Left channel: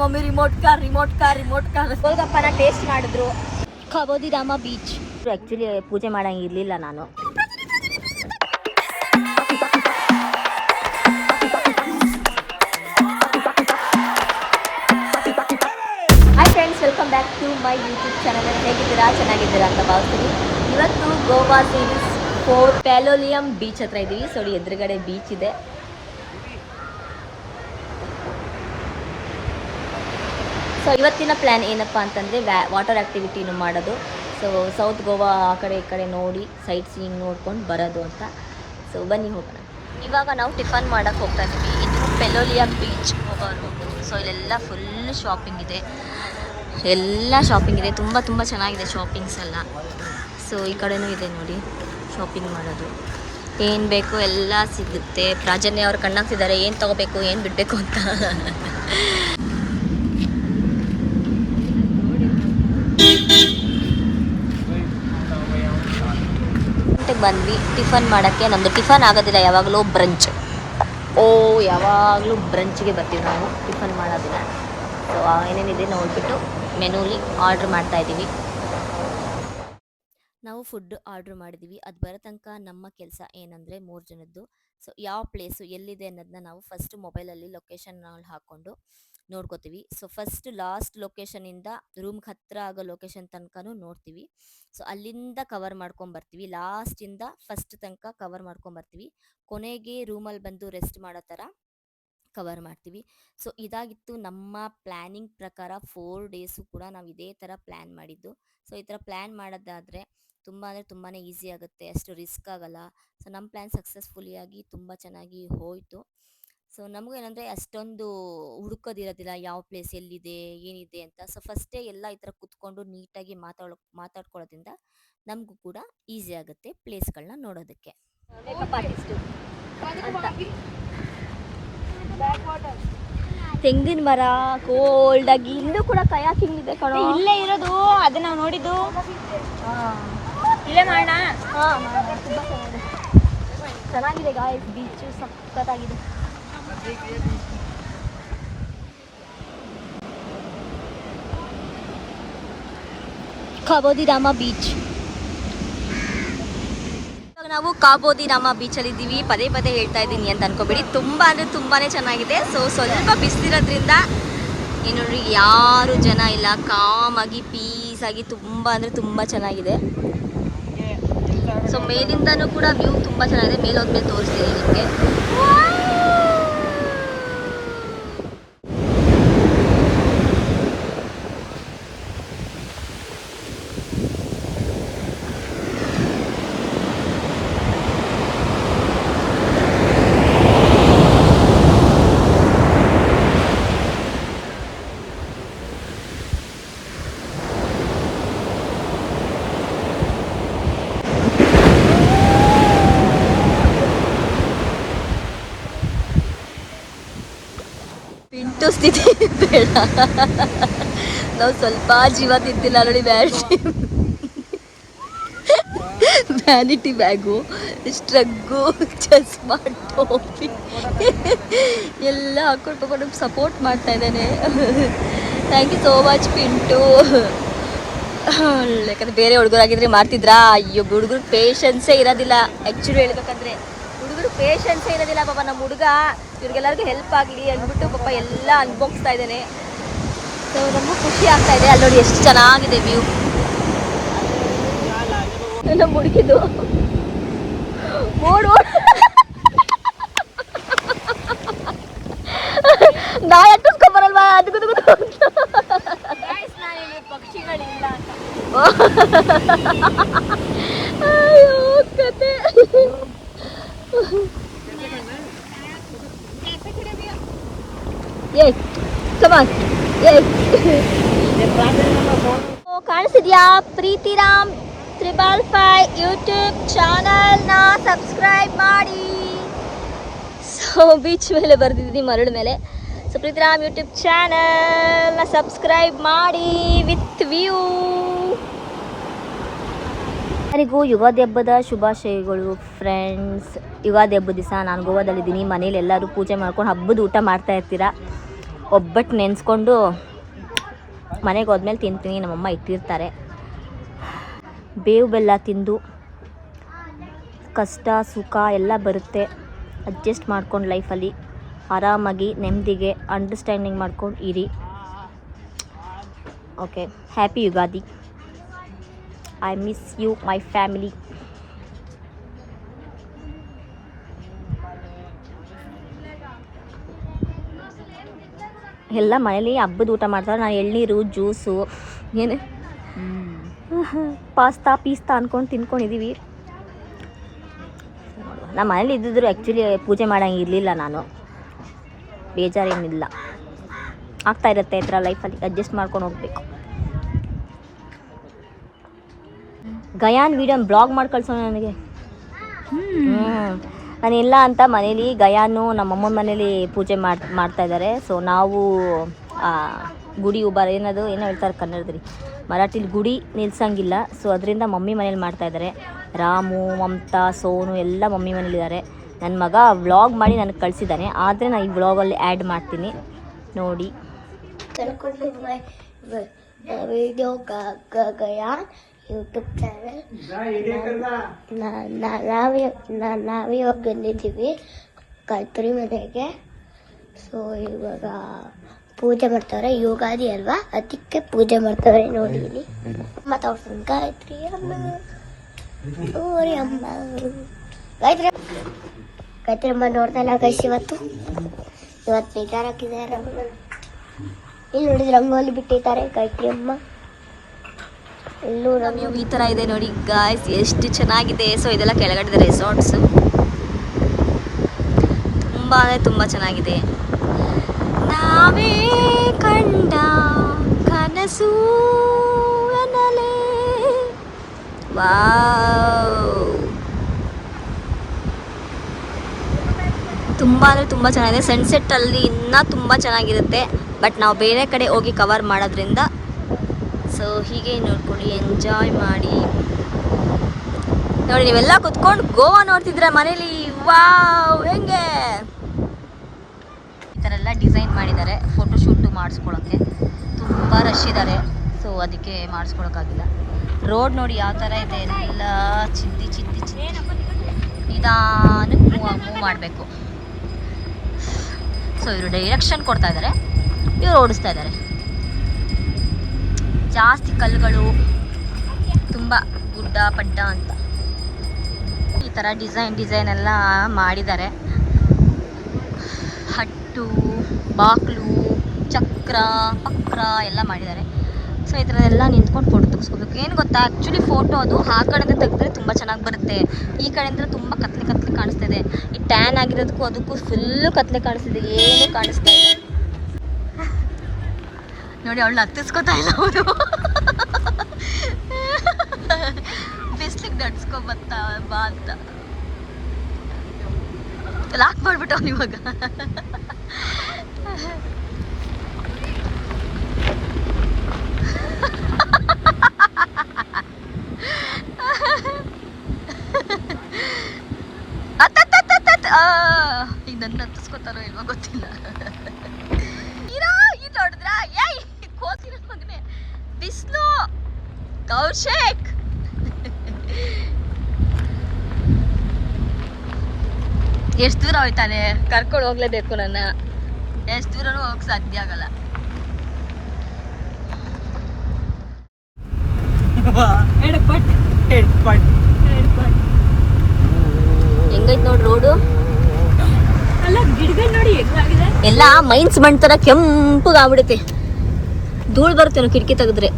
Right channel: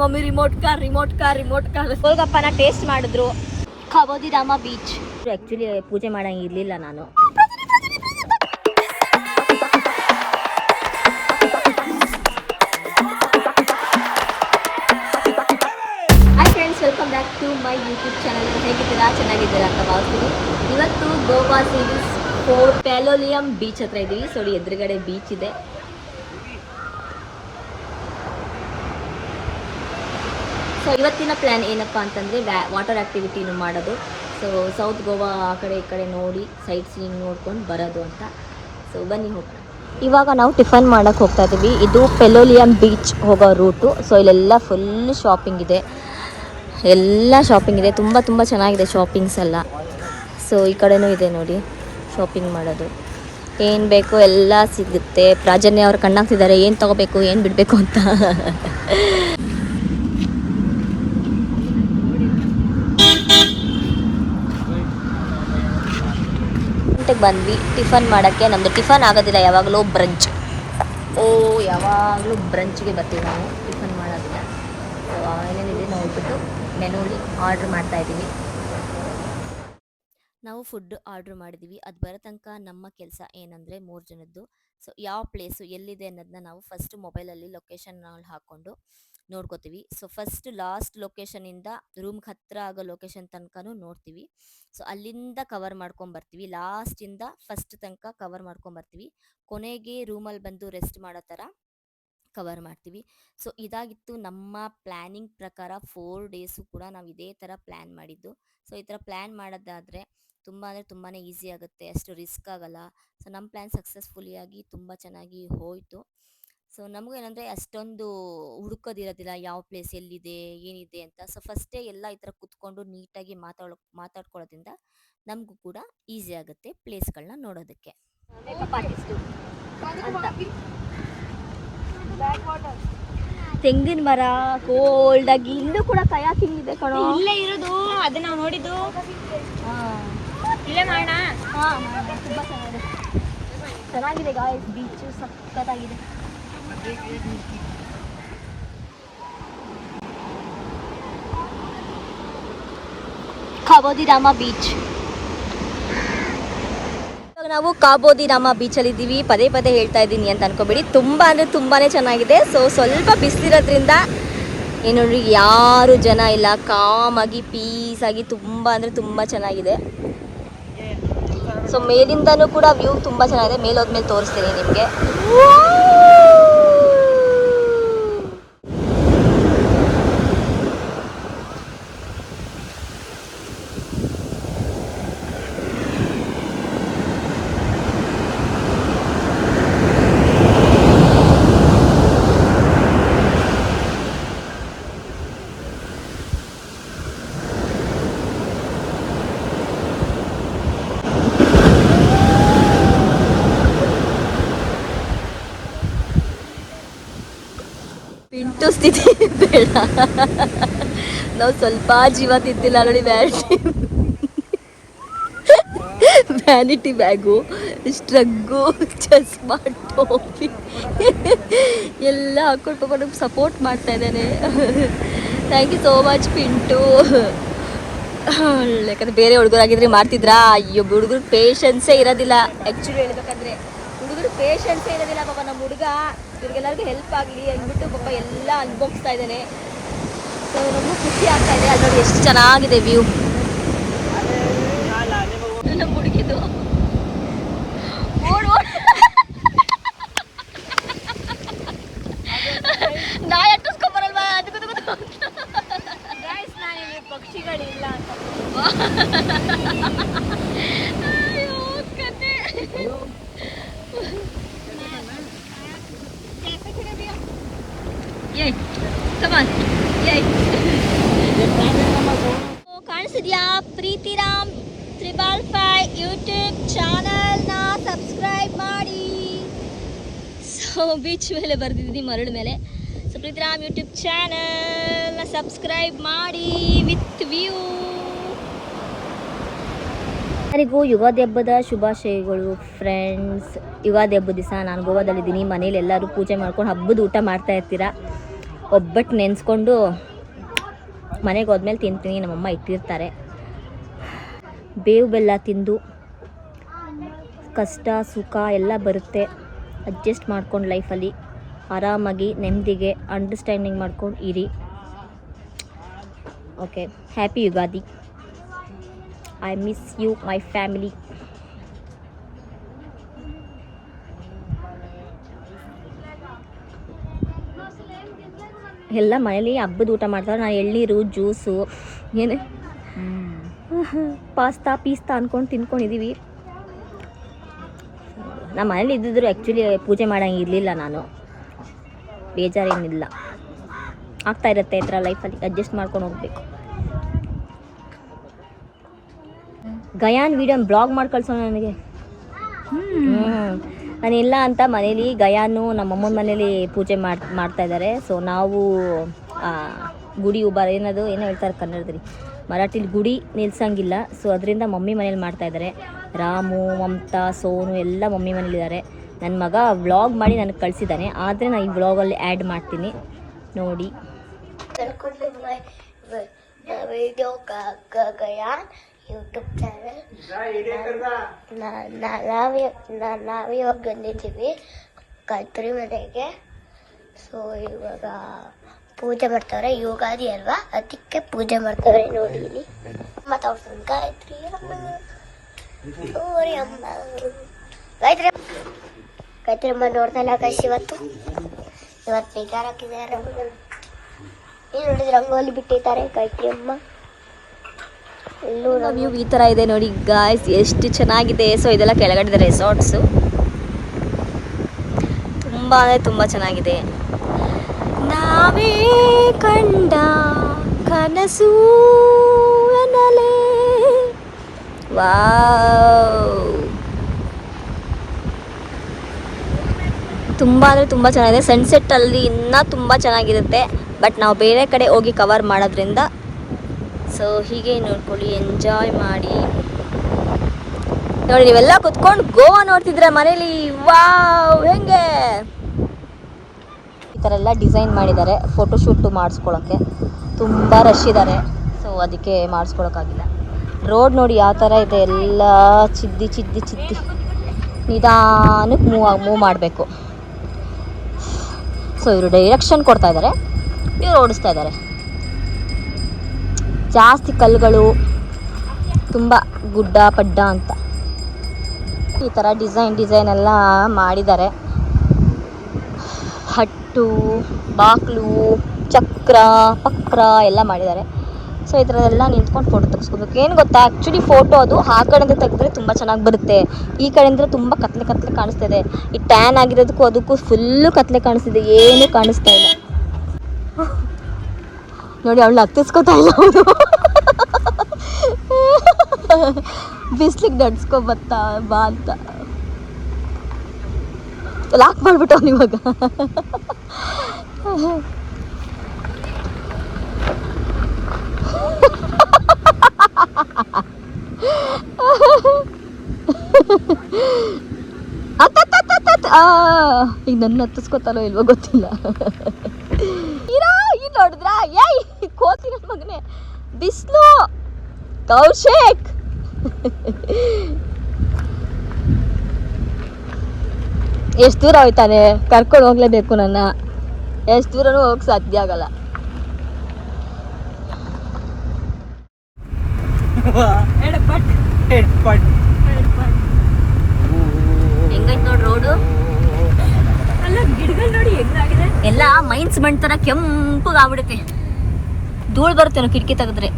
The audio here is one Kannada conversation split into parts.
ಮಮ್ಮಿ ರಿಮೋಟ್ ಕಾರ್ ಗೋಲ್ಗಪ್ಪನ ಟೇಸ್ಟ್ ಮಾಡಿದ್ರು. ಖಾಬೋದಿ ರಾಮ ಬೀಚ್. ಆ್ಯಕ್ಚುಲಿ ಪೂಜೆ ಮಾಡಂಗಿರ್ಲಿಲ್ಲ ನಾನು. Hi friends, welcome back to my YouTube channel. ಹೇಗಿದ್ದೀರಾ? ಚೆನ್ನಾಗಿದ್ದೀರಾ ಅಂತ ಭಾವಿಸ್ತೀನಿ. ಇವತ್ತು ಗೋವಾ ಸೀರೀಸ್ 4 ಪ್ಯಾಲೋಲಿಯಂ ಬೀಚ್ ಹತ್ರ ಇದ್ದೀವಿ. ಸೊ ಎದುರುಗಡೆ ಬೀಚ್ ಇದೆ. ಸೊ ಇವತ್ತಿನ ಪ್ಲ್ಯಾನ್ ಏನಪ್ಪ ಅಂತಂದರೆ ವಾಟರ್ ಆ್ಯಕ್ಟಿವಿಟಿನೂ ಮಾಡೋದು. ಸೊ ಸೌತ್ ಗೋವಾ ಆ ಕಡೆ ಈ ಕಡೆ ನೋಡಿ ಸೈಟ್ ಸೀಯಿಂಗ್ ನೋಡ್ಕೊಂಡು ಬರೋದು ಅಂತ. ಸೊ ಬನ್ನಿ ಹೋಗೋಣ. ಇವಾಗ ನಾವು ಟಿಫನ್ ಮಾಡೋಕ್ಕೆ ಹೋಗ್ತಾ ಇದ್ದೀವಿ. ಇದು ಪೆಲೋಲಿಯಂ ಬೀಚ್ ಹೋಗೋ ರೂಟು. ಸೊ ಇಲ್ಲೆಲ್ಲ ಫುಲ್ ಶಾಪಿಂಗ್ ಇದೆ, ತುಂಬ ಚೆನ್ನಾಗಿದೆ ಶಾಪಿಂಗ್ಸ್ ಎಲ್ಲ. ಸೊ ಈ ಕಡೆನೂ ಇದೆ ನೋಡಿ ಶಾಪಿಂಗ್ ಮಾಡೋದು. ಏನು ಬೇಕೋ ಎಲ್ಲ ಸಿಗುತ್ತೆ. ಪ್ರಾಜನ್ಯ ಅವ್ರು ಕಣ್ಣಾಗ್ತಿದ್ದಾರೆ ಏನು ತೊಗೋಬೇಕು ಏನು ಬಿಡಬೇಕು ಅಂತ. ಬಂದ್ವಿ ಟಿಫನ್ ಮಾಡೋಕ್ಕೆ. ನಮ್ಮದು ಟಿಫನ್ ಆಗೋದಿಲ್ಲ, ಯಾವಾಗಲೂ ಬ್ರಂಚ್. ಯಾವಾಗಲೂ ಬ್ರಂಚ್ಗೆ ಬರ್ತೀವಿ ನಾವು, ಟಿಫನ್ ಮಾಡೋದಿಲ್ಲ. ಸೊ ಏನೇನಿದೆ ನೋಡಿಬಿಟ್ಟು ಮೆನೂಲಿ ಆರ್ಡ್ರ್ ಮಾಡ್ತಾಯಿದ್ದೀವಿ. ನಾವು ಫುಡ್ ಆರ್ಡ್ರ್ ಮಾಡಿದ್ದೀವಿ. ಅದು ಬರೋ ತನಕ ನಮ್ಮ ಕೆಲಸ ಏನಂದರೆ 3 ಜನದ್ದು. ಸೊ ಯಾವ ಪ್ಲೇಸು ಎಲ್ಲಿದೆ ಅನ್ನೋದನ್ನ ನಾವು ಫಸ್ಟ್ ಮೊಬೈಲಲ್ಲಿ ಲೊಕೇಶನ್ ಹಾಕ್ಕೊಂಡು ನೋಡ್ಕೋತೀವಿ. ಸೊ ಫಸ್ಟ್ ಲಾಸ್ಟ್ ಲೊಕೇಶನಿಂದ ರೂಮ್ಗೆ ಹತ್ತಿರ ಆಗೋ ಲೊಕೇಶನ್ ತನಕನೂ ನೋಡ್ತೀವಿ. ಸೊ ಅಲ್ಲಿಂದ ಕವರ್ ಮಾಡ್ಕೊಂಬರ್ತೀವಿ. ಲಾಸ್ಟಿಂದ ಫಸ್ಟ್ ತನಕ ಕವರ್ ಮಾಡ್ಕೊಂಬರ್ತೀವಿ. ಕೊನೆಗೆ ರೂಮಲ್ಲಿ ಬಂದು ರೆಸ್ಟ್ ಮಾಡೋ ಥರ ಕವರ್ ಮಾಡ್ತೀವಿ. ಸೊ ಇದಾಗಿತ್ತು ನಮ್ಮ ಪ್ಲ್ಯಾನಿಂಗ್ ಪ್ರಕಾರ. 4 ಡೇಸು ಕೂಡ ನಾವು ಇದೇ ಥರ ಪ್ಲ್ಯಾನ್ ಮಾಡಿದ್ದು. ಸೊ ಈ ಥರ ಪ್ಲ್ಯಾನ್ ಮಾಡೋದಾದರೆ ತುಂಬಾ ಈಸಿ ಆಗುತ್ತೆ, ಅಷ್ಟು ರಿಸ್ಕ್ ಆಗಲ್ಲ. ಸೊ ನಮ್ಮ ಪ್ಲ್ಯಾನ್ ಸಕ್ಸಸ್ಫುಲಿಯಾಗಿ ತುಂಬ ಚೆನ್ನಾಗಿ ಹೋಯಿತು. ಸೊ ನಮಗೇನಂದರೆ ಅಷ್ಟೊಂದು ಹುಡುಕೋದಿರೋದಿಲ್ಲ ಯಾವ ಪ್ಲೇಸ್ ಎಲ್ಲಿದೆ ಏನಿದೆ ಅಂತ. ಸೊ ಫಸ್ಟೇ ಎಲ್ಲ ಈ ಥರ ಕೂತ್ಕೊಂಡು ನೀಟಾಗಿ ಮಾತಾಡ್ಕೊಳ್ಳೋದ್ರಿಂದ ನಮಗೂ ಕೂಡ ಈಸಿ ಆಗುತ್ತೆ ಪ್ಲೇಸ್ಗಳನ್ನ ನೋಡೋದಕ್ಕೆ. ತೆಂಗಿನ ಮರ ಕೋಲ್ಡಾಗಿ, ಇಲ್ಲೂ ಕೂಡ ಕಯಾಕಿಂಗ್ ಇದೆ ಕಣೋ. ಇಲ್ಲೇ ಇರೋದು ಅದನ್ನ ನಾವು ನೋಡಿದ್ದು. ಇಲ್ಲೇ ಮಾಡೋಣ. ತುಂಬ ಚೆನ್ನಾಗಿದೆ ಗಾಯ್ಸ್, ಬೀಚು ಸಖತ್ತಾಗಿದೆ. ಖಾಬೋದಿ ರಾಮ ಬೀಚ್. ನಾವು ಖಾಬೋದಿ ರಾಮ ಬೀಚಲ್ಲಿ ಇದ್ದೀವಿ. ಪದೇ ಹೇಳ್ತಾ ಇದ್ದೀನಿ ಅಂತ ಅನ್ಕೋಬೇಡಿ, ತುಂಬ ಅಂದರೆ ತುಂಬಾ ಚೆನ್ನಾಗಿದೆ. ಸೊ ಸ್ವಲ್ಪ ಬಿಸಿಲಿರೋದ್ರಿಂದ ಏನು ನೋಡಿ ಯಾರು ಜನ ಇಲ್ಲ, ಕಾಮಾಗಿ ಪೀಸಾಗಿ ತುಂಬ ಅಂದರೆ ತುಂಬ ಚೆನ್ನಾಗಿದೆ. ಸೊ ಮೇಲಿಂದನೂ ಕೂಡ ವ್ಯೂ ತುಂಬ ಚೆನ್ನಾಗಿದೆ. ಮೇಲೆ ಹೋದ್ಮೇಲೆ ತೋರಿಸ್ತೀನಿ ನಿಮಗೆ. ಪಿಂಟು ಸ್ಥಿತಿ ಬೇಡ, ನಾವು ಸ್ವಲ್ಪ ಜೀವ ತಿಂತಿಲ್ಲ ನೋಡಿ. ವ್ಯಾನಿಟಿ ಬ್ಯಾಗು, ಸ್ಟ್ರಗ್ಗು, ಚಸ್ಮಾ, ಟೋಪಿ ಎಲ್ಲ ಹಾಕೊಂಡು ಸಪೋರ್ಟ್ ಮಾಡ್ತಾ ಇದ್ದಾನೆ. Thank you so much Pintu. ಯಾಕಂದರೆ ಬೇರೆ ಹುಡುಗರಾಗಿದ್ರೆ ಮಾಡ್ತಿದ್ರಾ? ಅಯ್ಯೋ, ಹುಡುಗರು ಪೇಷನ್ಸೇ ಇರೋದಿಲ್ಲ. ಆ್ಯಕ್ಚುಲಿ ಹೇಳ್ಬೇಕಂದ್ರೆ ಹುಡುಗರು ಪೇಷನ್ಸೇ ಇರೋದಿಲ್ಲ. ಪಾಪ ನಮ್ಮ ಹುಡುಗ ಇವ್ರಿಗೆಲ್ಲರಿಗೂ ಹೆಲ್ಪ್ ಆಗಲಿ ಅಂದ್ಬಿಟ್ಟು ಪಾಪ ಎಲ್ಲ ಅನ್ಭೋಗಿಸ್ತಾ ಇದ್ದಾನೆ. ಸೊ ನಮಗೂ ಖುಷಿ ಆಗ್ತಾ ಇದೆ. ಅಲ್ಲಿ ನೋಡಿ ಎಷ್ಟು ಚೆನ್ನಾಗಿದೆ ವ್ಯೂ. ನಮ್ಮ ಹುಡುಗಿದು ಓಡು ನಾ ಎಟ್ಟಿಸ್ಕೊಂಬರಲ್ವಾ ಅದಕ್ಕೂ ಪಕ್ಷಿಗಳಿಲ್ಲ ಅಂತ. ಅಯ್ಯೋ ಕತೆ. ಕಾಣಿಸಿದ್ಯಾ? ಪ್ರೀತಿರಾಮ್ 555 ಯೂಟ್ಯೂಬ್ ಚಾನಲ್ನ ಸಬ್ಸ್ಕ್ರೈಬ್ ಮಾಡಿ. ಸೊ ಬೀಚ್ ಮೇಲೆ ಬರ್ದಿದ್ದೀನಿ, ಮರಳ ಮೇಲೆ. ಸೊ ಪ್ರೀತಿರಾಮ್ ಯೂಟ್ಯೂಬ್ ಚಾನಲ್ನ ಸಬ್ಸ್ಕ್ರೈಬ್ ಮಾಡಿ ವಿತ್ ವ್ಯೂ. ಎಲ್ಲರಿಗೂ ಯುಗಾದಿ ಹಬ್ಬದ ಶುಭಾಶಯಗಳು ಫ್ರೆಂಡ್ಸ್. ಯುಗಾದಿ ಹಬ್ಬದ ದಿವಸ ನಾನು ಗೋವಾದಲ್ಲಿದ್ದೀನಿ. ಮನೇಲಿ ಎಲ್ಲರೂ ಪೂಜೆ ಮಾಡ್ಕೊಂಡು ಹಬ್ಬದ ಊಟ ಮಾಡ್ತಾ ಇರ್ತೀರಾ. ಒಬ್ಬಟ್ಟು ನೆನೆಸ್ಕೊಂಡು ಮನೆಗೆ ಹೋದ್ಮೇಲೆ ತಿಂತೀನಿ. ನಮ್ಮಮ್ಮ ಇಟ್ಟಿರ್ತಾರೆ. ಬೇವು ಬೆಲ್ಲ ತಿಂದು ಕಷ್ಟ ಸುಖ ಎಲ್ಲ ಬರುತ್ತೆ. ಅಡ್ಜಸ್ಟ್ ಮಾಡ್ಕೊಂಡು ಲೈಫಲ್ಲಿ ಆರಾಮಾಗಿ ನೆಮ್ಮದಿಗೆ ಅಂಡರ್ಸ್ಟ್ಯಾಂಡಿಂಗ್ ಮಾಡ್ಕೊಂಡು ಇರಿ. Okay, happy Ugadi. I miss you my family. ಎಲ್ಲ ಮನೇಲಿ ಹಬ್ಬದ ಊಟ ಮಾಡ್ತಾರೆ. ನಾನು ಎಳ್ನೀರು ಜ್ಯೂಸು ಏನು ಪಾಸ್ತಾ ಪೀಸ್ತಾ ಅಂದ್ಕೊಂಡು ತಿನ್ಕೊಂಡಿದ್ದೀವಿ. ನಮ್ಮ ಮನೇಲಿ ಇದ್ದಿದ್ರು ಆ್ಯಕ್ಚುಲಿ ಪೂಜೆ ಮಾಡೋಂಗೆ ಇರಲಿಲ್ಲ. ನಾನು ಬೇಜಾರೇನಿಲ್ಲ, ಆಗ್ತಾ ಇರುತ್ತೆ ಈ ಥರ ಲೈಫಲ್ಲಿ ಅಡ್ಜಸ್ಟ್ ಮಾಡ್ಕೊಂಡು ಹೋಗ್ಬೇಕು. ಗಯಾನ್ ವೀಡಿಯೋ ಬ್ಲಾಗ್ ಮಾಡಿ ಕಳ್ಸೋಣ ನನಗೆ. ನಾನಿಲ್ಲ ಅಂತ ಮನೇಲಿ ಗಯಾನು ನಮ್ಮಮ್ಮನ ಮನೇಲಿ ಪೂಜೆ ಮಾಡ್ತಾಯಿದ್ದಾರೆ. ಸೊ ನಾವು ಗುಡಿ ಏನೋ ಹೇಳ್ತಾರೆ ಕನ್ನಡದಲ್ಲಿ, ಮರಾಠಿಲಿ ಗುಡಿ ನಿಲ್ಸಂಗಿಲ್ಲ. ಸೊ ಅದರಿಂದ ಮಮ್ಮಿ ಮನೇಲಿ ಮಾಡ್ತಾಯಿದ್ದಾರೆ. ರಾಮು, ಮಮತಾ, ಸೋನು ಎಲ್ಲ ಮಮ್ಮಿ ಮನೇಲಿದ್ದಾರೆ. ನನ್ನ ಮಗ ವ್ಲಾಗ್ ಮಾಡಿ ನನಗೆ ಕಳಿಸಿದ್ದಾನೆ. ಆದರೆ ನಾನು ಈ ವ್ಲಾಗಲ್ಲಿ ಆ್ಯಡ್ ಮಾಡ್ತೀನಿ ನೋಡಿ. ಯೂಟ್ಯೂಬ್ ಚಾನಲ್ ನಾವಿವಾಗ ಬಂದಿದ್ದೀವಿ ಕಲ್ಪುರಿ ಮನೆಗೆ. ಸೊ ಇವಾಗ ಪೂಜೆ ಮಾಡ್ತಾರೆ, ಯುಗಾದಿ ಅಲ್ವಾ, ಅದಕ್ಕೆ ಪೂಜೆ ಮಾಡ್ತಾರೆ. ಮಾತಾಡ್ತೀನಿ ಗಾಯತ್ರಿ ಅಮ್ಮ, ಸೂರ್ಯ ಅಮ್ಮ, ಗಾಯತ್ರಿ ಅಮ್ಮ ನೋಡ್ತಾಯಿಲ್ಲ ಗೈಸ್. ಇವತ್ತು ಬೇಜಾರಾಗಿದೆ. ಇಲ್ಲಿ ನೋಡಿದ್ರೆ ಅಮ್ಮ ಬಿಟ್ಟಿದ್ದಾರೆ ಗಾಯತ್ರಿ ಅಮ್ಮ. ವ್ಯೂ ಈ ಥರ ಇದೆ ನೋಡಿ ಗಾಯ್ಸ್, ಎಷ್ಟು ಚೆನ್ನಾಗಿದೆ. ಸೊ ಇದೆಲ್ಲ ಕೆಳಗಡೆ ರೆಸಾರ್ಟ್ಸು, ತುಂಬ ಅಂದರೆ ತುಂಬ ಚೆನ್ನಾಗಿದೆ. ನಾವೇ ಕಂಡ ಕನಸು ಎನ್ನಲೇ. ವಾವ್, ತುಂಬ ಅಂದರೆ ತುಂಬ ಚೆನ್ನಾಗಿದೆ. ಸನ್ಸೆಟ್ಟಲ್ಲಿ ಇನ್ನೂ ತುಂಬ ಚೆನ್ನಾಗಿರುತ್ತೆ. ಬಟ್ ನಾವು ಬೇರೆ ಕಡೆ ಹೋಗಿ ಕವರ್ ಮಾಡೋದ್ರಿಂದ ಸೊ ಹೀಗೆ ನೋಡ್ಕೊಳ್ಳಿ, ಎಂಜಾಯ್ ಮಾಡಿ ನೋಡಿ. ನೀವೆಲ್ಲ ಕುತ್ಕೊಂಡು ಗೋವಾ ನೋಡ್ತಿದ್ರೆ ಮನೇಲಿ. ವಾವ್, ಹೆಂಗೆ ಈ ಥರ ಎಲ್ಲ ಡಿಸೈನ್ ಮಾಡಿದ್ದಾರೆ ಫೋಟೋಶೂಟು ಮಾಡಿಸ್ಕೊಳ್ಳೋಕ್ಕೆ. ತುಂಬ ರಶ್ ಇದ್ದಾರೆ, ಸೊ ಅದಕ್ಕೆ ಮಾಡಿಸ್ಕೊಳಕ್ಕಾಗಿಲ್ಲ. ರೋಡ್ ನೋಡಿ ಯಾವ ಥರ ಇದೆ, ಎಲ್ಲ ಚಿದ್ದಿ ಚಿದ್ದಿ ಚಿದ್ದಿ. ನಿಧಾನಕ್ಕೆ ಮೂವ್ ಮಾಡಬೇಕು. ಸೊ ಇವರು ಡೈರೆಕ್ಷನ್ ಕೊಡ್ತಾ ಇದ್ದಾರೆ, ಇವರು ಓಡಿಸ್ತಾ ಇದ್ದಾರೆ. ಜಾಸ್ತಿ ಕಲ್ಲುಗಳು, ತುಂಬ ಗುಡ್ಡ ಪಡ್ಡ ಅಂತ ಈ ಥರ ಡಿಸೈನ್ ಎಲ್ಲ ಮಾಡಿದ್ದಾರೆ. ಹಟ್ಟು, ಬಾಕ್ಲು, ಚಕ್ರ ಪಕ್ರ ಎಲ್ಲ ಮಾಡಿದ್ದಾರೆ. ಸೊ ಈ ಥರದೆಲ್ಲ ನಿಂತ್ಕೊಂಡು ಫೋಟೋ ತೆಗೆಸ್ಕೋಬೇಕು. ಏನು ಗೊತ್ತಾ, ಆ್ಯಕ್ಚುಲಿ ಫೋಟೋ ಅದು ಆ ಕಡೆಯಿಂದ ತೆಗೆದ್ರೆ ತುಂಬ ಚೆನ್ನಾಗಿ ಬರುತ್ತೆ. ಈ ಕಡೆಯಿಂದ ತುಂಬ ಕತ್ಲೆ ಕಾಣಿಸ್ತಿದೆ. ಈ ಟ್ಯಾನ್ ಆಗಿರೋದಕ್ಕೂ ಅದಕ್ಕೂ ಫುಲ್ಲು ಕತ್ಲೆ ಕಾಣಿಸ್ತಿದೆ, ಏನೂ ಕಾಣಿಸ್ತಾ ಇಲ್ಲ ನೋಡಿ. ಅವಳು ಹತ್ತಿಸ್ಕೋತಾ ಇಲ್ಲ, ಅವನು ಬಿಸ್ಲಿಗೆ ನಡ್ಸ್ಕೊ ಬಾ ಅಂತ ಲಾಕ್ ಮಾಡ್ಬಿಟ್ಟು ಅವನು ಇವಾಗ. ಈಗ ನನ್ನ ಹತ್ತಿಸ್ಕೋತಾರೋ ಇಲ್ವೋ ಗೊತ್ತಿಲ್ಲ. ನೋಡಿದ್ರ ಏಯ್ ಕೋತಿ ನನ್ನ ಮಗನೇ, ಬಿಸ್ಲು ಕೌಶಿಕ್. ಎಷ್ಟು ದೂರ ಹೋಯ್ತಾನೆ, ಕರ್ಕೊಂಡು ಹೋಗ್ಲೇಬೇಕು ನನ್ನ. ಎಷ್ಟು ದೂರನೂ ಹೋಗಕ್ ಸಾಧ್ಯ ಆಗಲ್ಲ. ಹೆಂಗೈತ್ ನೋಡ್ರಿ ರೋಡು, ಎಲ್ಲ ಮೈನ್ಸ್ ಮಣ್ ತರ ಕೆಂಪಗಾಗ್ಬಿಡುತ್ತೆ. ಧೂಳು ಬರ್ತೇನೋ ಕಿಟಕಿ ತೆಗೆದ್ರೆ.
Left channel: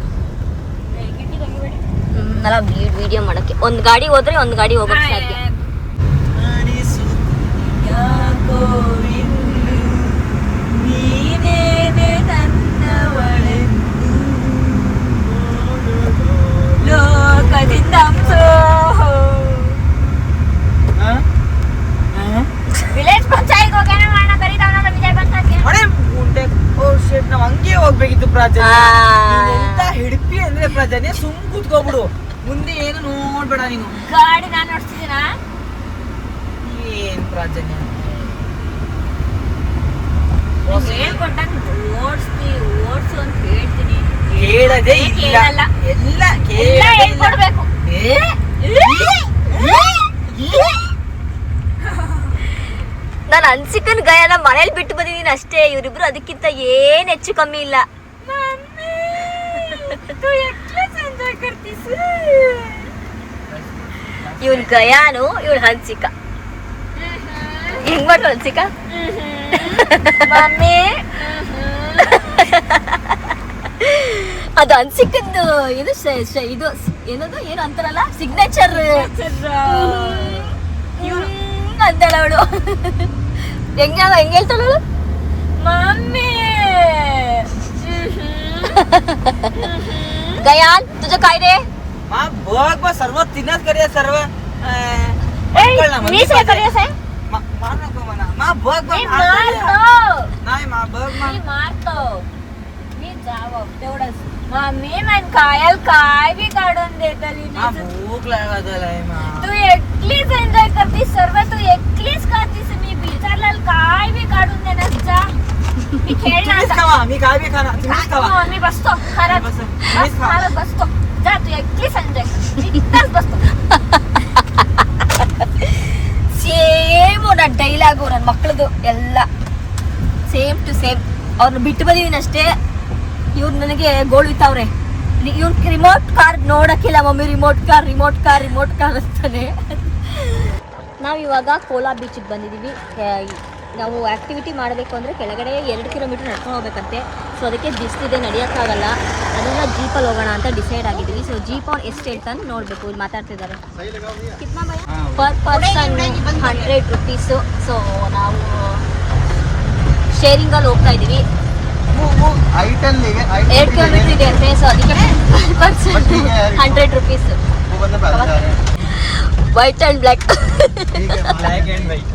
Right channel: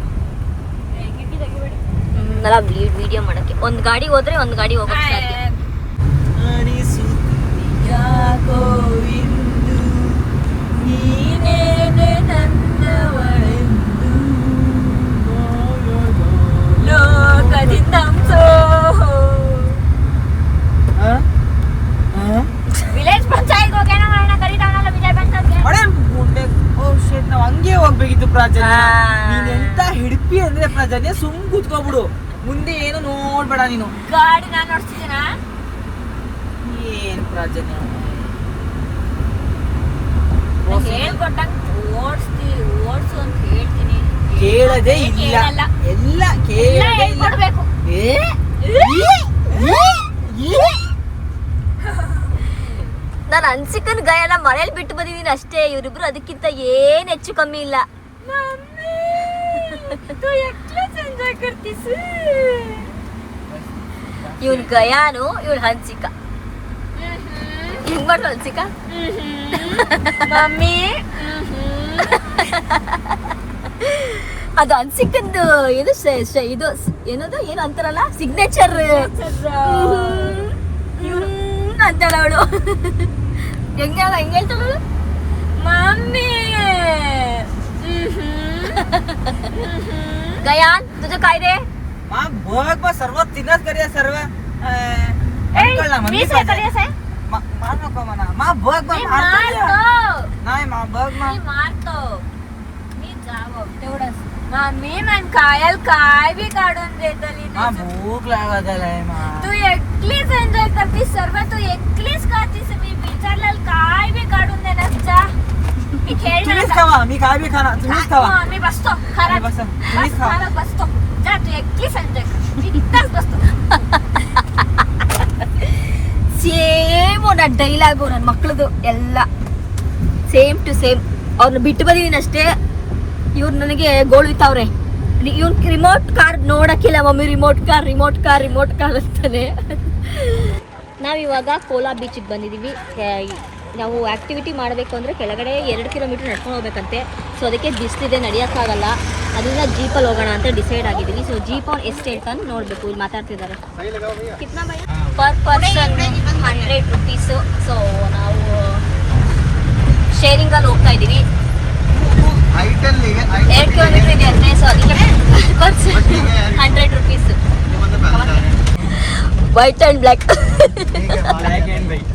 ಎಲ್ಲ ವಿಡಿಯೋ ಮಾಡಕ್ಕೆ ಒಂದು ಗಾಡಿ ಹೋದ್ರೆ ಒಂದು ಗಾಡಿ ಹೋಗಕ್ಕೆ ಸಾಧ್ಯ. ವಿಲೇಜ್ ಪಂಚಾಯತ್ ಹೋಗೋಣ ಮಾಡೋಣ ಕರೀತಾವಣ ವಿಜಯ್ ಪಂಚಾಯತ್ಗೆ. ನಾವು ಹಂಗೆ ಹೋಗ್ಬೇಕಿತ್ತು ಪ್ರಾಜನ್ಯ. ಎಂತ ಹಿಡ್ಪಿ ಅಂದ್ರೆ ಪ್ರಾಜನ್ಯ, ಸುಮ್ ಕೂತ್ಕೋಬಿಡು, ಮುಂದೆ ಏನು ನೋಡ್ಬೇಡ ನೀನು. ಗಾಡಿ ನಾನು ನೋಡ್ತಿದ್ದೀನಾ? ಏನ್ ಪ್ರಾಜನ್ಯ, ಹೇಳ್ಕೊಟ್ಟಂಗೆ ಓಡ್ಸು ಅಂತ ಹೇಳ್ತೀನಿ. ಕೇಳದೇ ಇಲ್ಲ, ಕೇಳಲ್ಲ. ಎಲ್ಲ ಎಲ್ಲ ಕೇಳದೇ ಇಲ್ಲ. ಹೇಳ್ಕೊಡ್ಬೇಕು. ನಾನು ಅನ್ಸಿಕನ್ ಗಯನ ಮನೇಲಿ ಬಿಟ್ಟು ಬಂದಿದ್ದೀನಿ ಅಷ್ಟೇ. ಇವರಿಬ್ರು ಅದಕ್ಕಿಂತ ಏನ್ ಹೆಚ್ಚು ಕಮ್ಮಿ ಇಲ್ಲ. ಇವನ್ ಗಯಾನು, ಇವಳು ಹನ್ಸಿಕ. ಹೆಂಗ್ ಮಾಡ್ಲು ಹನ್ಸಿಕ? ಮಮ್ಮಿ ಅದು ಹನ್ಸಿಕಂದು ಇದು ಇದು ಏನದು ಏನು ಅಂತಾರಲ್ಲ ಸಿಗ್ನೇಚರ್ ಅಂತಾಳ ಅವಳು. ಹೆಂಗ ಹೆಂಗ್ ಹೇಳ್ತಾಳು ಮಮ್ಮಿ. गयान तुझं काय रे? मा बघ बा सर्व तिनच करूया सर्व. मी काय करूया साहेब? मार नको म्हणा. मा बघ बा नाही मा बघ मा मारतो मी जावं तेवढंच. मी मन कायल काय बी काढून देतली मा भूक लागलाय मा. तू एकलीच एन्जॉय करतीस सर्व. तू एकलीच करतीस. मी विचारलं काय बी काढून देणार. जा मी खेळणार. तुम्हीच खावा, मी काय बी खाणार. तुम्हीच खावा. मी बसतो खरंच. तुम्हीच खा. खरंच बसतो. जा तू एकलीच एन्जॉय कर. मी इथंच बसतो. ಸೇಮ್ ನನ್ನ ಡೈಲಾಗು ನನ್ನ ಮಕ್ಕಳದು ಎಲ್ಲ ಸೇಮ್ ಟು ಸೇಮ್. ಅವ್ರನ್ನ ಬಿಟ್ಟು ಬಂದಿದ್ದೀನಿ ಅಷ್ಟೇ. ಇವ್ರು ನನಗೆ ಗೋಳುತ್ತಾವ್ರೆ. ಇವ್ನ ರಿಮೋಟ್ ಕಾರ್ ನೋಡಕ್ಕಿಲ್ಲ ಮಮ್ಮಿ. ರಿಮೋಟ್ ಕಾರ್ ಅಂತಾನೆ. ನಾವಿವಾಗ ಕೋಲಾ ಬೀಚಿಗೆ ಬಂದಿದ್ದೀವಿ. ನಾವು ಆ್ಯಕ್ಟಿವಿಟಿ ಮಾಡಬೇಕು ಅಂದರೆ ಕೆಳಗಡೆ 2 ಕಿಲೋಮೀಟ್ರ್ ನಡ್ಕೊಂಡು ಹೋಗ್ಬೇಕಂತೆ. ಸೊ ಅದಕ್ಕೆ ಬಿಸಿಲಿದೆ, ನಡೆಯೋಕ್ಕಾಗಲ್ಲ. ಅದರಿಂದ ಜೀಪಲ್ಲಿ ಹೋಗೋಣ ಅಂತ ಡಿಸೈಡ್ ಆಗಿದ್ದೀವಿ. ಸೊ ಜೀಪ್ ಅವ್ನು ಎಷ್ಟು ಹೇಳ್ತಾನೆ ನೋಡಬೇಕು. ಇಲ್ಲಿ ಮಾತಾಡ್ತಿದ್ದಾರೆ. Per person 100 rupees. ಸೊ ನಾವು ಶೇರಿಂಗಲ್ಲಿ ಹೋಗ್ತಾ ಇದ್ದೀವಿ. 2 ಕಿಲೋಮೀಟ್ರ್ ಇದೆ ಅಂತೆ. ಸೊ ಅದಕ್ಕೆ per person 100 rupees. White and black. Black and white.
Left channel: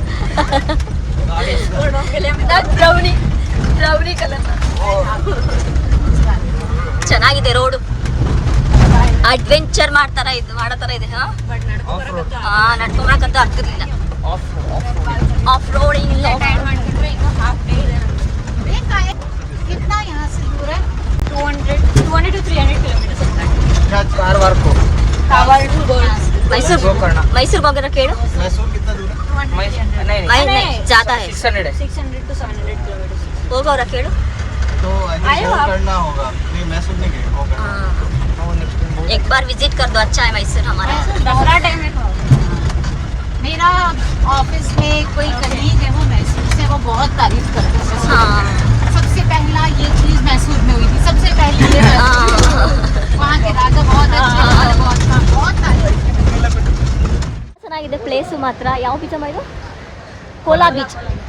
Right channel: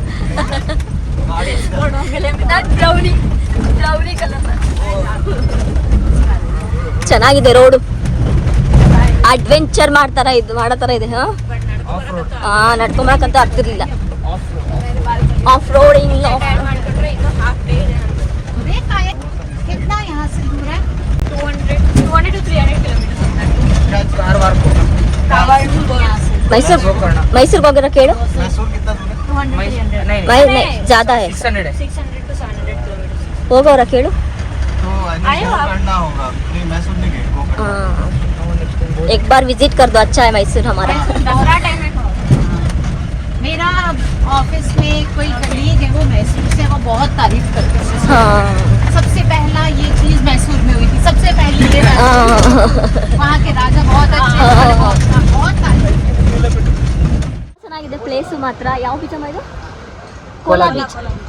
Brownie colour. ಚೆನ್ನಾಗಿದೆ ರೋಡು. ಅಡ್ವೆಂಚರ್ ಮಾಡೋ ಥರ ಇದೆ. ನಡ್ಕೊಂಬರಕ್ಕಂತ ಆಗ್ತಿರ್ಲಿಲ್ಲ. ಆಫ್ ರೋಡ್ ಇಲ್ಲ. कितना यहाँ से दूर है? 200 to 300 किलोमीटर. ಮೈಸೂರಿಗೆ ಹೋಗಿರೋ ಕೇಳು. नहीं ज्यादा है. 600 600 to 700 किलोमीटर. ಹೋಗೋರ ಕೇಳು. एक बार विजिट कर दो. अच्छा है मैसूर हमारा. दसरा टाइम में मेरा ऑफिस में कोई कलीग है वो मैसूर से. वो बहुत तारीफ करते हैं. हाँ सबसे पहला ये चीज मैसूर में हुई थी. सबसे पहले ये वहाँ के राजा बहुत अच्छे हैं. बहुत तारीफ. ಚೆನ್ನಾಗಿದೆ ಪ್ಲೇಸು ಮಾತ್ರ. ಯಾವ ಬೀಚಮ್ಮ ಇದು?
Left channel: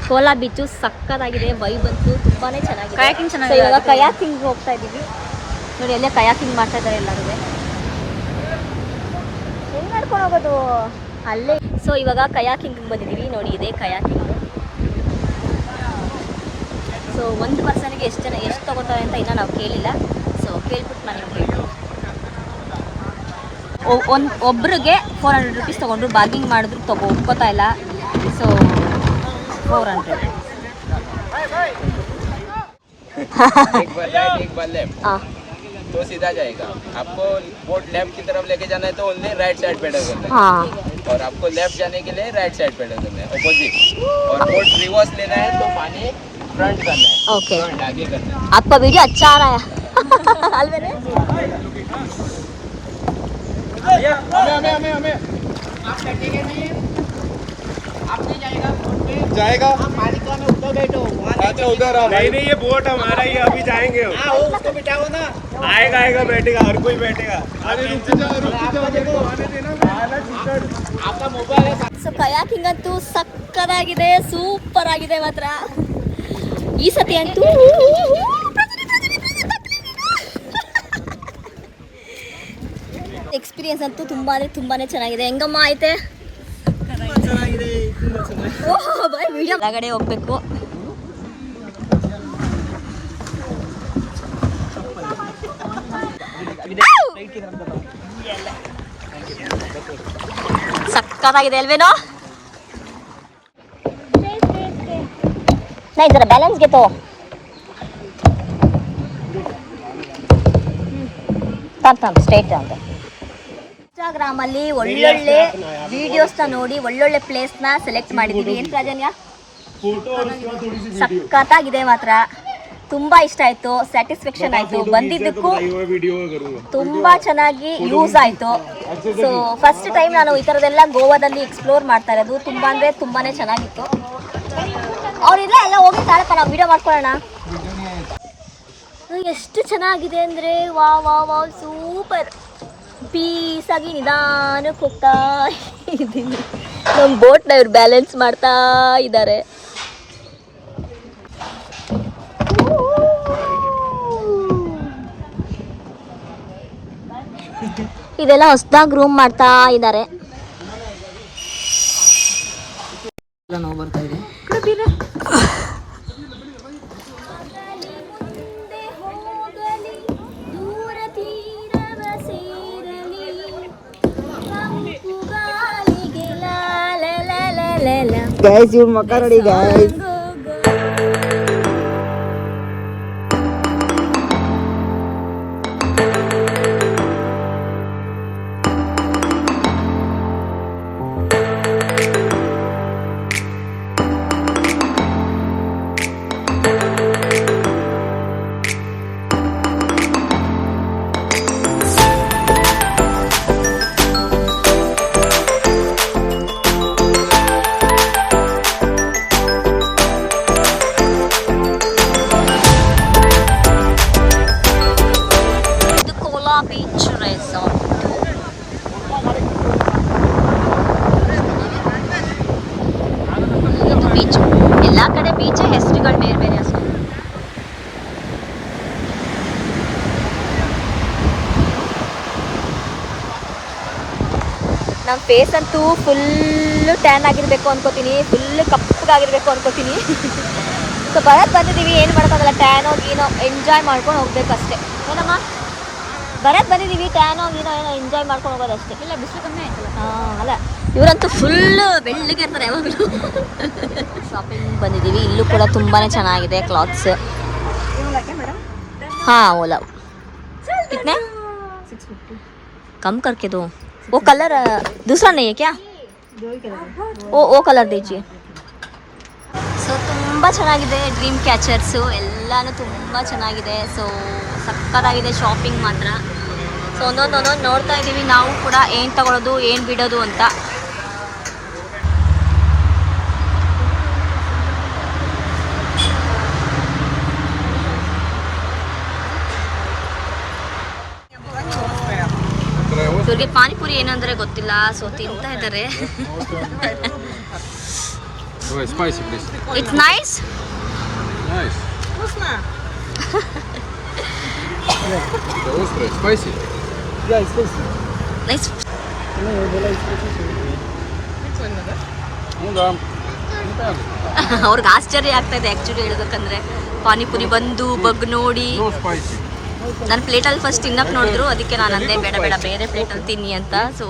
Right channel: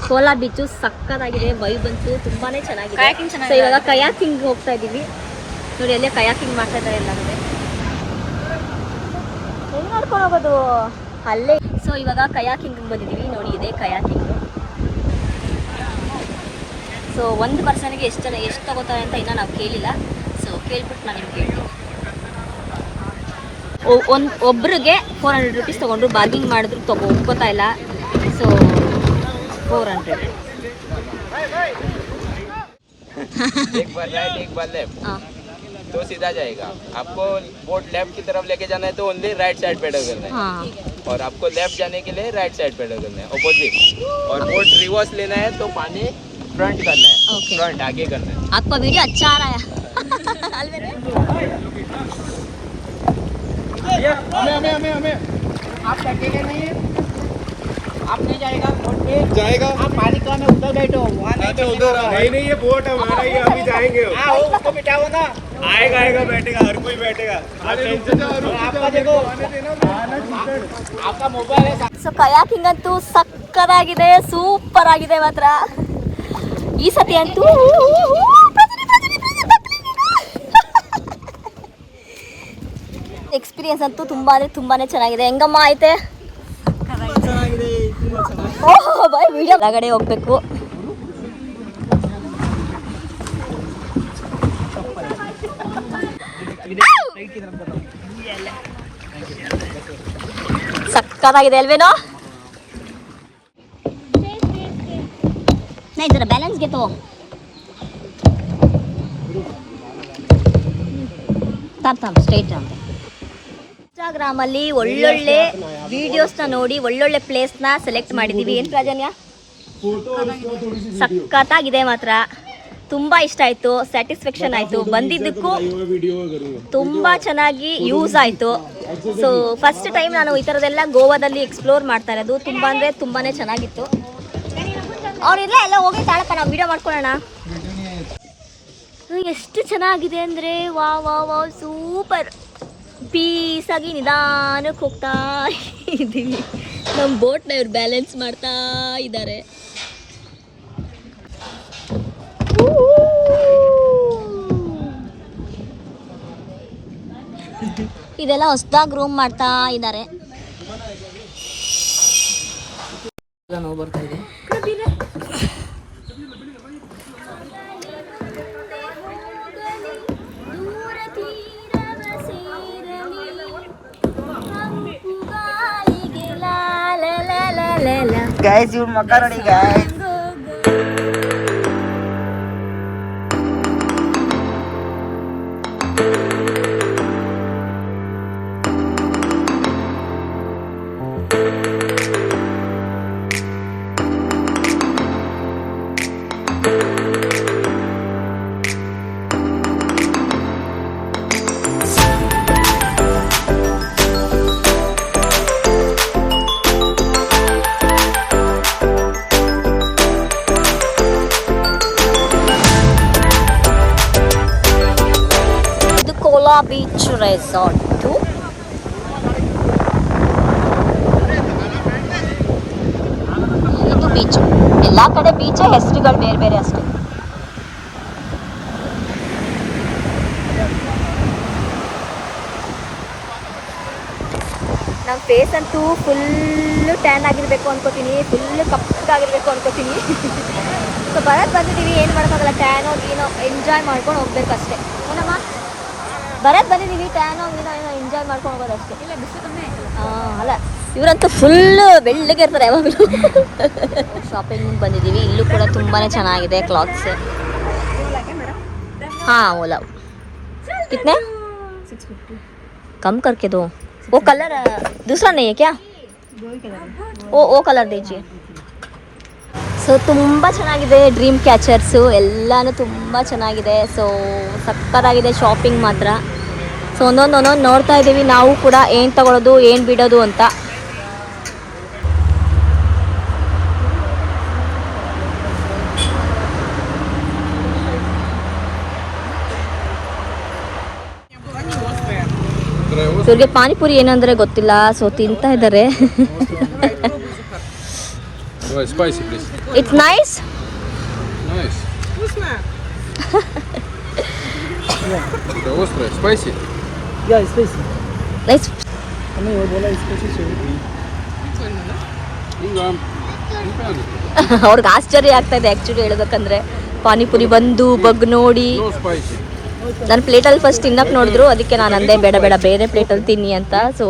ಕೋಲಾ ಬೀಚು ಸಕ್ಕತ್ತಾಗಿದೆ. ವೈಬ್ ಅಂತೂ ತುಂಬಾನೇ ಚೆನ್ನಾಗಿದೆ. ಸೊ ಇವಾಗ ಕಯಾಕಿಂಗ್ ಹೋಗ್ತಾ ಇದ್ದೀವಿ. ನೋಡಿ ಅಲ್ಲೇ ಕಯಾಕಿಂಗ್ ಮಾಡ್ತಾ ಇದ್ದಾರೆ ಎಲ್ಲರಿದೆ. ಹೆಂಗ್ ನಡ್ಕೊಂಡು ಹೋಗೋದು ಅಲ್ಲೇ. ಸೊ ಇವಾಗ ಕಯಾಕಿಂಗ್ ಬಂದಿದ್ದೀವಿ. ನೋಡಿ ಇದೆ ಕಯಾಕಿಂಗ್. ಸೊ ಒಂದು ಪರ್ಸನ್ಗೆ ಎಷ್ಟು ತಗೋತಾರೆ ಅಂತ ಇನ್ನೂ ನಾವು ಕೇಳಿಲ್ಲ. ಸೊ ಕೇಳ್ಬಿಟ್ಟು ನಾನು ನಿಮ್ಗೆ ಹೇಳ್ತೀನಿ. ಒಬ್ರಿಗೆ 400 ರುಪೀಸ್ ತೊಗೊಂಡ್ರು. ಬಾರ್ಗಿಂಗ್ ಮಾಡಿದ್ರು ಒಪ್ಕೋತಾ ಇಲ್ಲ. ಸೊ 400. एक बार राइट एक बार लेफ्ट तो सीधा जाएगा. आपको बोट लेफ्ट की तरफ लेके जाना है तो ओनली राइट साइड पेडल करना है. हाँ और आपको लेफ्ट जाने के लिए राइट साइड पेडल करना है ऑपोजिट. और बोट रिवर्स लेना है तो पानी फ्रंट करना है. ओके. फ्रंट आगे करना है. आपका वीडियो अच्छा आ रहा है. अलवेरे आप बैठेगा नहीं है. आप नहीं जाएगा बोट पे. जाएगा. आप पानी का में उधर बैठो. उधर नहीं ये बोट हमारा ही. अभी जाएंगे. उसको बिठाओ ना. आएगा बैठेगा. हर कोई बैठेगा. आप टेंशन मत लो. आपका देखो आपका मोबाइल है. ಸೊ ಕಯಾಕಿಂಗ್ ಅಂತೂ ಸಕ್ಕತ್ತಾಗಿದೆ. ಸೂಪರ್ ಆಗಿದೆ ಮಾತ್ರ ಈ ಸತಿ ಅಂತೂ. ಎಕ್ಸ್ಪೀರಿಯನ್ಸ್ ಅಂತೂ ತುಂಬಾನೇ ಚೆನ್ನಾಗಿದೆ. ಹೆಂಗಮ್ಮ ಐತೆ? ಬಾಯ್ ವಿಡಿಯೋ ಒಳಗಡೆ ಹೋಗ್ಬೇಕು. ಸಕ್ಕತ್ತಾಗಿದೆ ಅಲ್ವೇನೋ? नहीं जरा बैलेंस के तो ಸ್ಟ್ರೈಟ್ ಅಂತ. ಇನ್ಸ್ಟಾಗ್ರಾಮಲ್ಲಿ ಒಳ್ಳೊಳ್ಳೆ ವಿಡಿಯೋಸ್ನ ನೋಡಿ ಒಳ್ಳೊಳ್ಳೆ ಪ್ಲೇಸ್ನ ಸೆಲೆಕ್ಟ್ ಮಾಡಿದ್ದೀವಿ. ಏನು ಪ್ರಾಜನ್ಯ? ಸಖತ್ತಾಗಿದೆ ಮಾತ್ರ, ತುಂಬ ಇಷ್ಟ ಆಯಿತು, ಸ್ಯಾಟಿಸ್ಫ್ಯಾಕ್ಷನ್ ಆಯಿತು, ಬಂದಿದ್ದಕ್ಕೂ ತುಂಬ ಚೆನ್ನಾಗಿ ಯೂಸ್ ಆಯಿತು. ಸೊ ಫಸ್ಟ್ ಟೈಮ್ ನಾನು ಈ ಥರದ್ದೆಲ್ಲ ಗೋವಾದಲ್ಲಿ ಎಕ್ಸ್ಪ್ಲೋರ್ ಮಾಡ್ತಾ ಇರೋದು. ತುಂಬ ಅಂದರೆ ತುಂಬಾ ಚೆನ್ನಾಗಿತ್ತು. ಅವರಿಲ್ಲ ಎಲ್ಲ ಹೋಗಿ ತಾಳಪ್ಪ, ನಾವು ವಿಡಿಯೋ ಮಾಡ್ಕೊಳ್ಳೋಣ. ಎಷ್ಟು ಚೆನ್ನಾಗಿದೆ ಅಂದರೆ ವಾ ವಾ ವಾ ಸೂಪರ್. ಪೀಸಾಗಿ ನಿಧಾನಕ್ಕೆ ಹೋಗ್ತಾ ಇದ್ದೀವಿ. ನಮ್ಮ ಬೋಟ್ನ ಇವ್ರು ಬ್ಯಾಲೆನ್ಸ್ ಮಾಡ್ತಾ ಇದ್ದಾರೆ. ಇದೆಲ್ಲ ಹೊಸದಾಗಿ ರೂಮ್ ಮಾಡ್ತಾ ಇದ್ದಾರೆ. ನೋವು ಬರ್ತಾ ಇದೆ. ಗೈಸ್ ಇವ್ರ ಮಕ್ಕ ನೋಡಿ ಗೈಸ್. Beach resort. ಬೀಚ್ ಎಲ್ಲ ಕಡೆ ಬೀಚ್, ಹೆಸರುಗಳು ಬೇರೆ ಬೇರೆ ಹೆಸರು. ನಮ್ಮ ಫೇಸ್ ಅಂತೂ ಫುಲ್ಲು ಟ್ಯಾನ್ ಆಗಿರಬೇಕು ಅನ್ಕೋತೀನಿ, ಫುಲ್ಲು ಕಪ್ಪಗಾಗಿರ್ಬೇಕು ಅನ್ಕೋತೀನಿ. ಸೊ ಬರಕ್ಕೆ ಬಂದಿದ್ದೀವಿ, ಏನು ಮಾಡೋಕ್ಕಾಗಲ್ಲ, ಟ್ಯಾನೋ ಗೀನೋ ಎಂಜಾಯ್ ಮಾಡ್ಕೊಂಡು ಹೋಗ್ಬೇಕಷ್ಟೆ. ಏನಮ್ಮ ಬರಕ್ಕೆ ಬಂದಿದ್ದೀವಿ, ಟ್ಯಾನೋ ಗೀನೋ ಏನೋ ಎಂಜಾಯ್ ಮಾಡ್ಕೊಂಡು ಹೋಗೋದಷ್ಟೇ. ಇಲ್ಲ ಬಿಸಿಲು ಕಮ್ಮಿ ಆಯ್ತಲ್ಲ. ಅಲ್ಲ ಇವರಂತೂ ಫುಲ್ಲು ಬೆಳ್ಳಗೆ ಇರ್ತಾರೆ ಯಾವಾಗಲೂ. ಶಾಪಿಂಗ್ ಬಂದಿದ್ದೀವಿ, ಇಲ್ಲೂ ಕೂಡ ತುಂಬಾ ಚೆನ್ನಾಗಿದೆ ಕ್ಲಾತ್ಸ್. हाँ ओला कितने 650 कम करके दो. वो कलर दूसरा नहीं है क्या? वो कलर दीजिए. ಸೊ ತುಂಬ ಚೆನ್ನಾಗಿದೆ, ಡ್ರೀಮ್ ಕ್ಯಾಚರ್ಸು ಎಲ್ಲನೂ ತುಂಬ ಚೆನ್ನಾಗಿದೆ. ಸೊ ಸಕ್ಕತ್ತಾಗಿದೆ ಶಾಪಿಂಗ್ ಮಾತ್ರ. ಸೊ ಒಂದೊಂದು ನೋಡ್ತಾ ಇದ್ದೀವಿ ನಾವು ಕೂಡ, ಏನು ತಗೊಳ್ಳೋದು ಏನು ಬಿಡೋದು ಅಂತ. ಇವ್ರಿಗೆ ಪಾನಿಪುರಿ ಏನಂದ್ರೆ ಗೊತ್ತಿಲ್ಲ, ಸೊ ತಿಂತಾ ಇದ್ದಾರೆ. Spicy, please. It's nice. Nice. Это острое, spicy. Yeah, it's spicy. Nice. Ну да. ಅವ್ರಿಗೆ ಆಶ್ಚರ್ಯ ಆಗ್ತಾ ಇದೆ ಆ್ಯಕ್ಚುಲಿ ಹೇಳ್ಬೇಕಂದ್ರೆ. ಪಾನಿಪುರಿ ಬಂದು ಬಗ್ ನೋಡಿ No spicy. ನನ್ನ ಪ್ಲೇಟಲ್ಲಿ ಫಸ್ಟ್ ತಿನ್ನಕ್ಕೆ ನೋಡಿದ್ರು, ಅದಕ್ಕೆ ನಾನು ಅಂದೆ ಬೇಡ ಬೇಡ ಬೇರೆ ಪ್ಲೇಟಲ್ಲಿ ತಿನ್ನಿ ಅಂತ. ಸೊ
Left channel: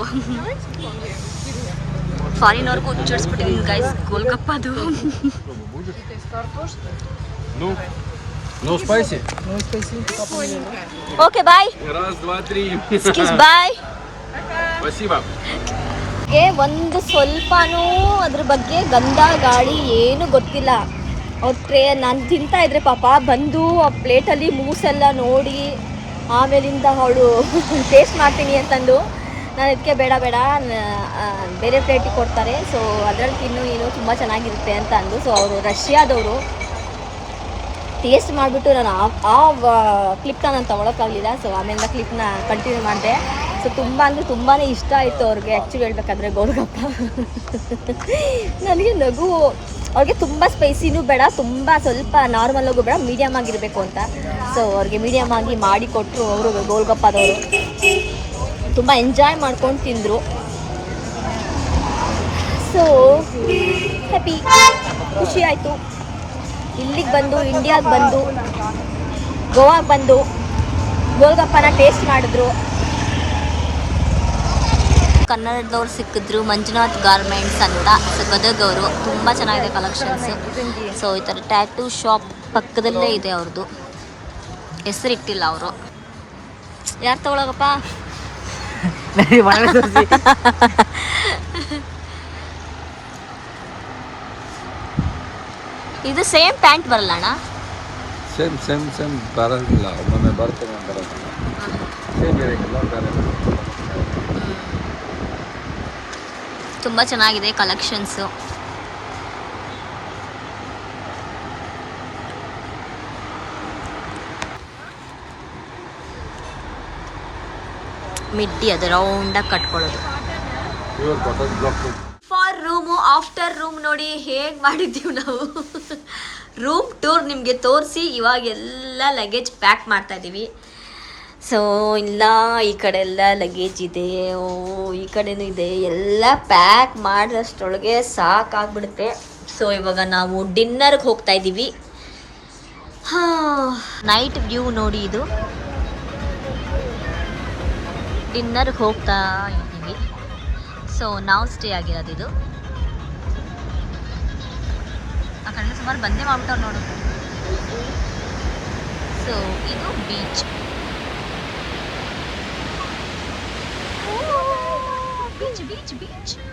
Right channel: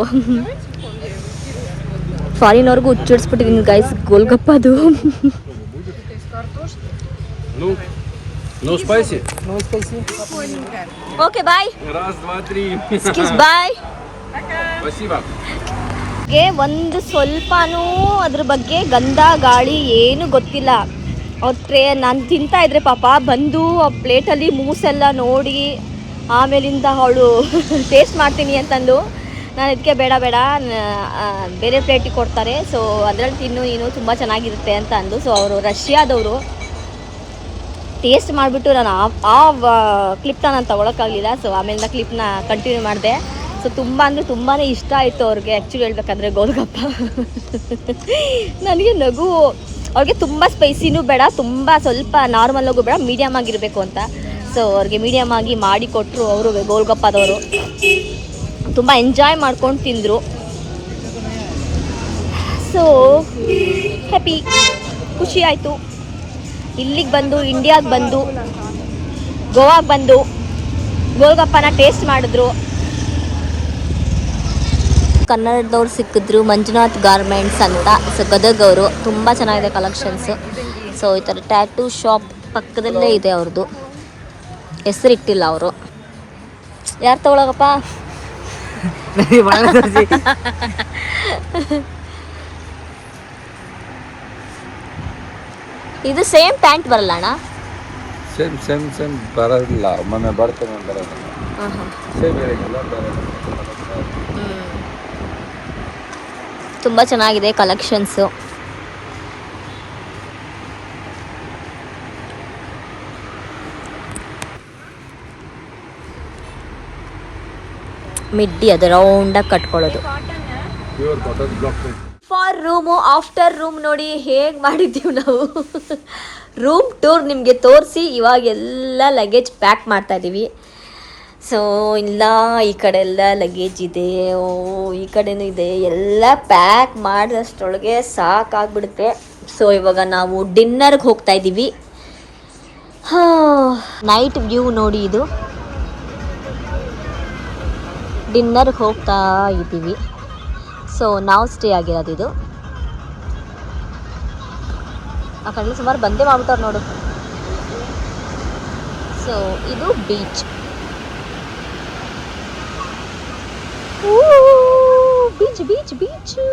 ಫಾರಿನವ್ರಿಗೂ ಹುಚ್ಚಿಡ್ಸ್ಬಿಟ್ಟಿದ್ದೀನಿ ಗೈಸ್ ಗೋಲ್ಗಪ್ಪದು. No spicy. No spicy. Okay bye. Раз, два, три. Bye. Спасибо. ಒಂದು ಸ್ವಲ್ಪನೂ ಅದ್ರ ಬಗ್ಗೆ ಗಂಧ ಗಾಳಿ ಏನು ಗೊತ್ತಿಲ್ಲ. ಅವ್ರ ನಾನು ತಿಂತಾ ಇದ್ರೆ ಪಾಪ ಬಂದು ಆ ಪ್ಲೇಟಲ್ಲಿ ಮೂಸೆಲ್ಲ ನೋಡಿ ಆಮೇಲಿಂದ ಅವಳು ಟೇಸ್ಟ್ ಮಾಡ್ತೀನಿ ಅಂತಂದು ನಾನು ಇದಕ್ಕೆ ಬೇಡ ಬೇರೆ ಪ್ಲೇಟಿಗೆ ಕೊಡ್ತಾರೆ. ಸೊ ಅದರಲ್ಲಿ ತಿನ್ನು ನೀನು ತುಂಬ ಚೆನ್ನಾಗಿರುತ್ತೆ ಅಂತ ಅಂದು. ಸೊ ಅವರು ರಷ್ಯಾದವರು ಟೇಸ್ಟ್ ಮಾಡಿಬಿಟ್ಟು ನಾನು ಆ ಕ್ಲಿಪ್ನ ನಾನು ತೊಗೊಳಕ್ಕಾಗಲಿಲ್ಲ. ಸೊ ಆಮೇಲಿಂದ ಕ್ಲಿಪ್ನ ಕಂಟಿನ್ಯೂ ಮಾಡಿದೆ. ಸೊ ತುಂಬ ಅಂದರೆ ತುಂಬಾ ಇಷ್ಟ ಆಯಿತು ಅವ್ರಿಗೆ ಆ್ಯಕ್ಚುಲಿ ಹೇಳ್ಬೇಕಾದ್ರೆ ಗೋಲ್ಗಪ್ಪ. ನನಗೆ ನಗು, ಅವ್ರಿಗೆ ತುಂಬ ಸ್ಪೈಸಿನೂ ಬೇಡ, ತುಂಬ ಸ್ವಲ್ಪ ನಾರ್ಮಲ್ಲಾಗೂ ಬೇಡ, ಮೀಡಿಯಮ್ ಆಗಿರಬೇಕು ಅಂತ. ಸೊ ಅವ್ರಿಗೆ ಮೀಡಿಯಮ್ ಆಗಿ ಮಾಡಿ ಕೊಟ್ಟರು ಅವರು ಗೋಲ್ಗಪ್ಪದವರು. ತುಂಬ ಎಂಜಾಯ್ ಮಾಡ್ಕೊಂಡು ತಿಂದರು. ಸೊ ಹ್ಯಾಪಿ, ಖುಷಿ ಆಯಿತು. ಇಲ್ಲಿಗೆ ಬಂದು, ಇಂಡಿಯಾಗೆ ಬಂದು, ಗೋವಾಗೆ ಬಂದು ಗೋಲ್ಗಪ್ಪನ ಟೇಸ್ಟ್ ಮಾಡಿದ್ರು. ಕನ್ನಡದವ್ರು ಸಿಕ್ಕಿದ್ರು, ಮಂಜುನಾಥ್ ಗಾರ್ಮೆಂಟ್ಸ್ ಅಂತ. ಸೊ ಗದಗವರು, ತುಂಬ ಚೆನ್ನಾಗಿದೆ ಕಲೆಕ್ಷನ್ಸು. ಸೊ ಈ ಥರ ಟ್ಯಾಟೂ ಶಾಪ್ ಪಕ್ಕದಲ್ಲೇ ಇದೆ ಅವ್ರದ್ದು, ಹೆಸರಿಟ್ಟಿಲ್ಲ ಅವರು. ಯಾರು ತಗೊಳಗಪ್ಪ? ನನಗೆ ಒಳಗೆ ತೋರಿಸಿ. ಇದು ಸೇಮ್ ಪ್ಯಾಂಟ್ ಬರಲ್ಲ ಅಣ್ಣ? ಸೇಮ್ ಬರಲ್ಲ, ಮೊನ್ನೆ ಬರ್ತೇನೆ ಬರಲ್ಲ, ಸೇಮ್ ಇರಂಗಿಲ್ಲ ಬರಲ್ಲ. ತುಂಬ ಚೆನ್ನಾಗಿದೆ ಕಲೆಕ್ಷನ್ಸು. ಮಿಡ್ಡಿ ಅದು ರೌಂಡಾಗಿ ಕಟ್ಕೊಳ್ಳೋದು. Pure cotton block. For room after room ನೋಡಿ ಹೇಗೆ ಮಾಡಿದ್ದೀವಿ ನಾವು. ರೂಮ್ ಟೂರ್ ನಿಮಗೆ ತೋರಿಸಿ ಇವಾಗೆಲ್ಲ ಲಗೇಜ್ ಪ್ಯಾಕ್ ಮಾಡ್ತಾ ಇದ್ದೀವಿ. ಸೊ ಇಲ್ಲ ಈ ಕಡೆ ಎಲ್ಲ ಲಗೇಜ್ ಇದೆ, ಈ ಕಡೆನೂ ಇದೆ, ಎಲ್ಲ ಪ್ಯಾಕ್ ಮಾಡಿದಷ್ಟರೊಳಗೆ ಸಾಕಾಗ್ಬಿಡುತ್ತೆ. ಸೊ ಇವಾಗ ನಾವು ಡಿನ್ನರ್ಗೆ ಹೋಗ್ತಾ ಇದ್ದೀವಿ. ನೈಟ್ ವ್ಯೂ ನೋಡಿ ಇದು. ಡಿನ್ನರ್ಗೆ ಹೋಗ್ತಾ ಇದ್ದೀವಿ. ಸೊ ನಾವು ಸ್ಟೇ ಆಗಿರೋದು ಇದು. ಆ ಕಡೆ ಸುಮಾರು ಬಂದೇ ಮಾಡ್ಬಿಟ್ಟವ್ರು ನೋಡು. ಸೊ ಇದು ಬೀಚ್. Beach beach beach.